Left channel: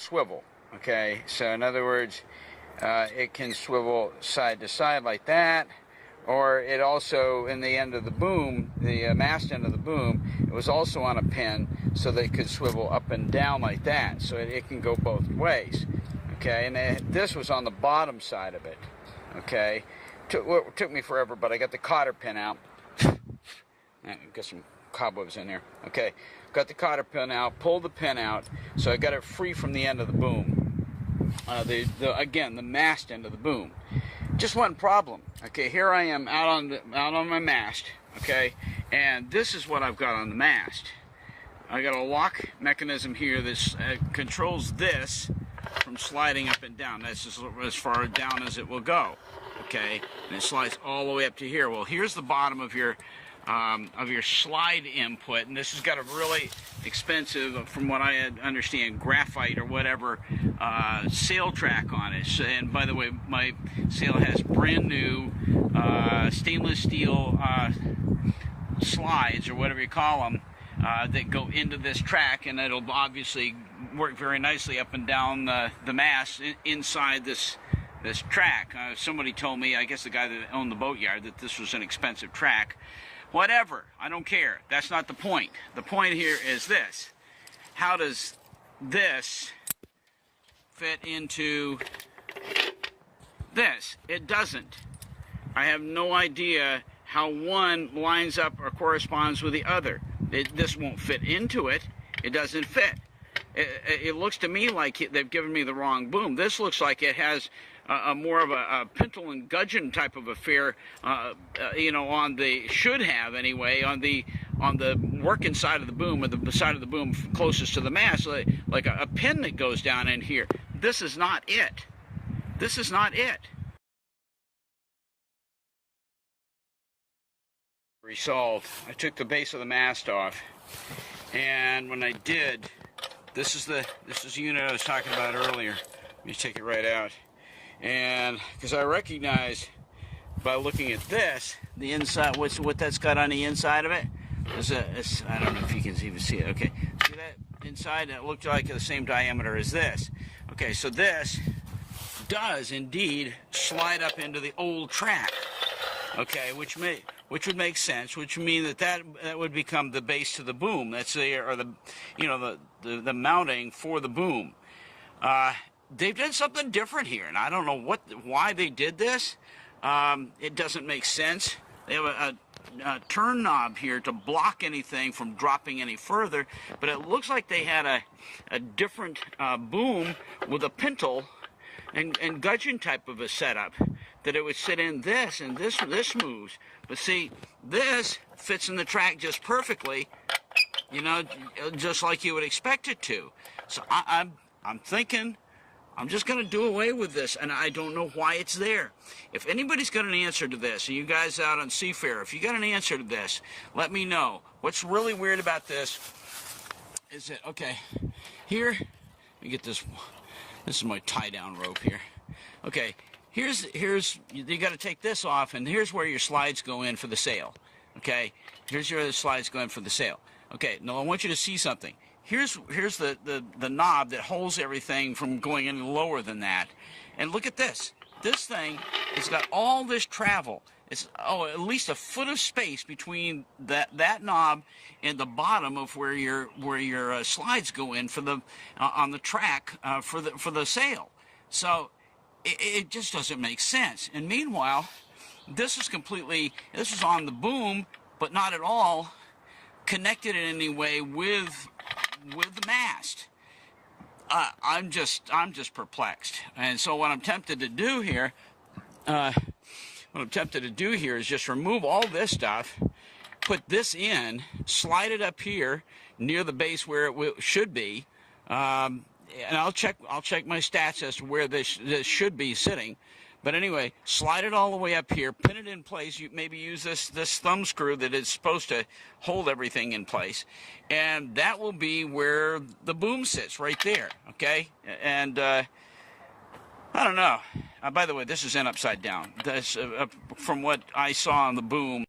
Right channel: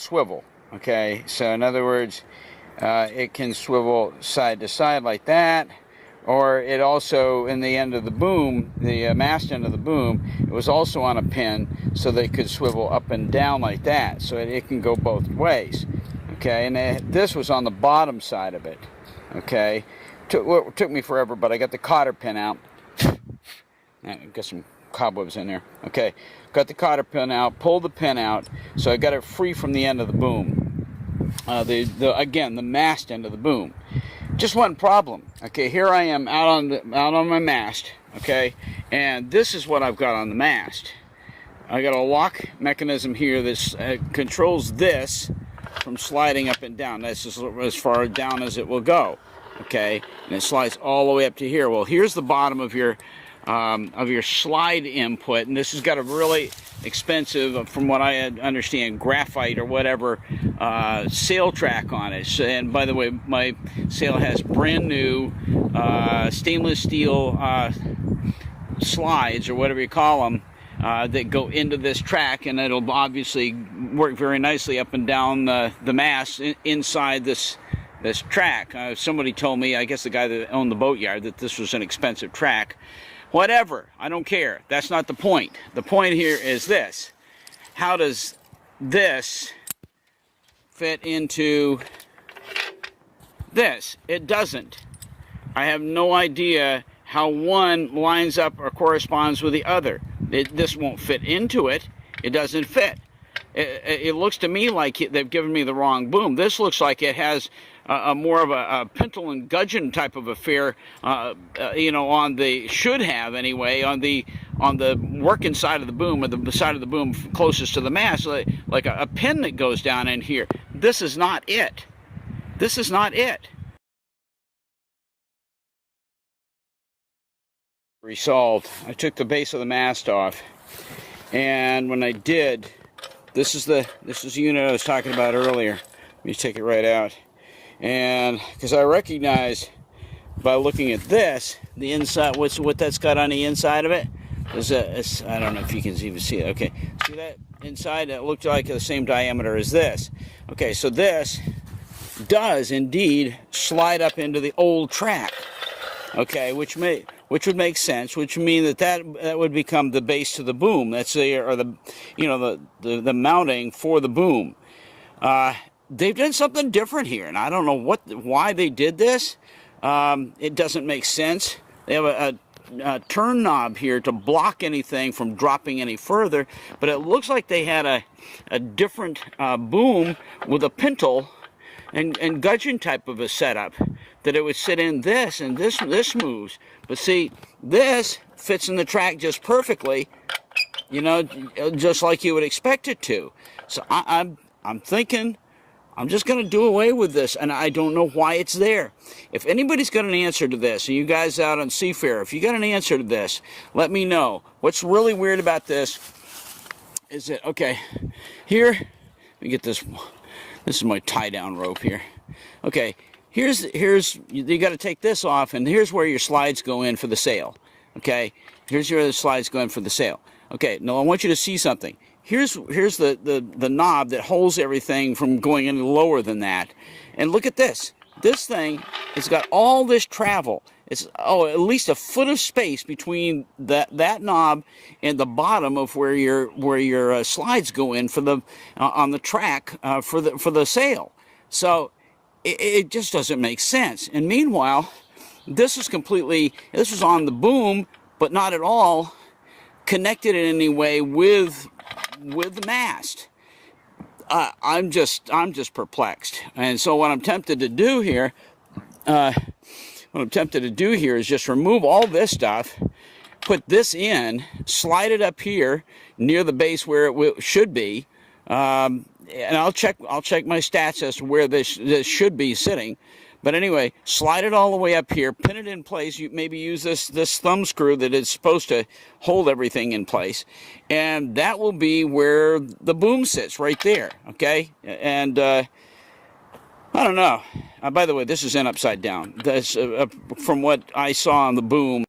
swivel. Okay, so in other words, it can swivel side to side like that, or it also, in the end of the boom, the mast end of the boom, it was also on a pin, so they could swivel up and down like that, so it can go both ways. Okay, and this was on the bottom side of it. Okay, took me forever, but I got the cotter pin out. Got some cobwebs in there. Okay, got the cotter pin out, pulled the pin out, so I got it free from the end of the boom. Again, the mast end of the boom. Just one problem. Okay, here I am out on my mast. Okay, and this is what I've got on the mast. I got a lock mechanism here that controls this from sliding up and down. That's just as far down as it will go. Okay, and it slides all the way up to here. Well, here's the bottom of your slide input, and this has got a really expensive, from what I understand, graphite or whatever sail track on it. So, and by the way, my sail has brand new stainless steel slides, or whatever you call them, that go into this track, and it'll obviously work very nicely up and down the mast inside this track. Somebody told me, I guess the guy that owned the boatyard, that this was an expensive track. Whatever, I don't care. That's not the point. The point here is this. How does this fit into this? It doesn't. I have no idea how one lines up or corresponds with the other. This won't fit into it. It doesn't fit. It looks to me like they've given me the wrong boom. This looks like it has more of a pintle and gudgeon type of affair, you know, on the, should have anyway, on the working side of the boom, or the side of the boom closest to the mast, like a pin that goes down in here. This is not it. This is not it. Resolved. I took the base of the mast off, and when I did, this is the unit I was talking about earlier. Let me take it right out. And because I recognize by looking at this, the inside, what that's got on the inside of it is I don't know if you can even see it. Okay, see that inside? It looked like the same diameter as this. Okay, so this does indeed slide up into the old track. Okay, which would make sense, which would mean that would become the base to the boom. That's the the mounting for the boom. They've done something different here, and I don't know why they did this. It doesn't make sense. They have a turn knob here to block anything from dropping any further, but it looks like they had a different boom with a pintle and gudgeon type of a setup, that it would sit in this, and this moves. But see, this fits in the track just perfectly, you know, just like you would expect it to. So I'm thinking, I'm just going to do away with this, and I don't know why it's there. If anybody's got an answer to this, and you guys out on Seafair, if you got an answer to this, let me know. What's really weird about this is that, okay, here, let me get this. This is my tie-down rope here. Okay, here's you got to take this off, and here's where your slides go in for the sail. Okay, here's where the slides go in for the sail. Okay, now I want you to see something. Here's the knob that holds everything from going any lower than that. And look at this. This thing has got all this travel. It's at least a foot of space between that knob and the bottom of where your slides go in for the on the track for the sail. So it just doesn't make sense. And meanwhile, this is on the boom, but not at all connected in any way with the mast. I'm just perplexed. And so what I'm tempted to do here, is just remove all this stuff, put this in, slide it up here near the base where it should be, and I'll check my stats as to where this should be sitting. But anyway, slide it all the way up here, pin it in place. You maybe use this thumb screw that is supposed to hold everything in place, and that will be where the boom sits, right there. Okay, and I don't know. By the way, this is in upside down. That's from what I saw on the boom.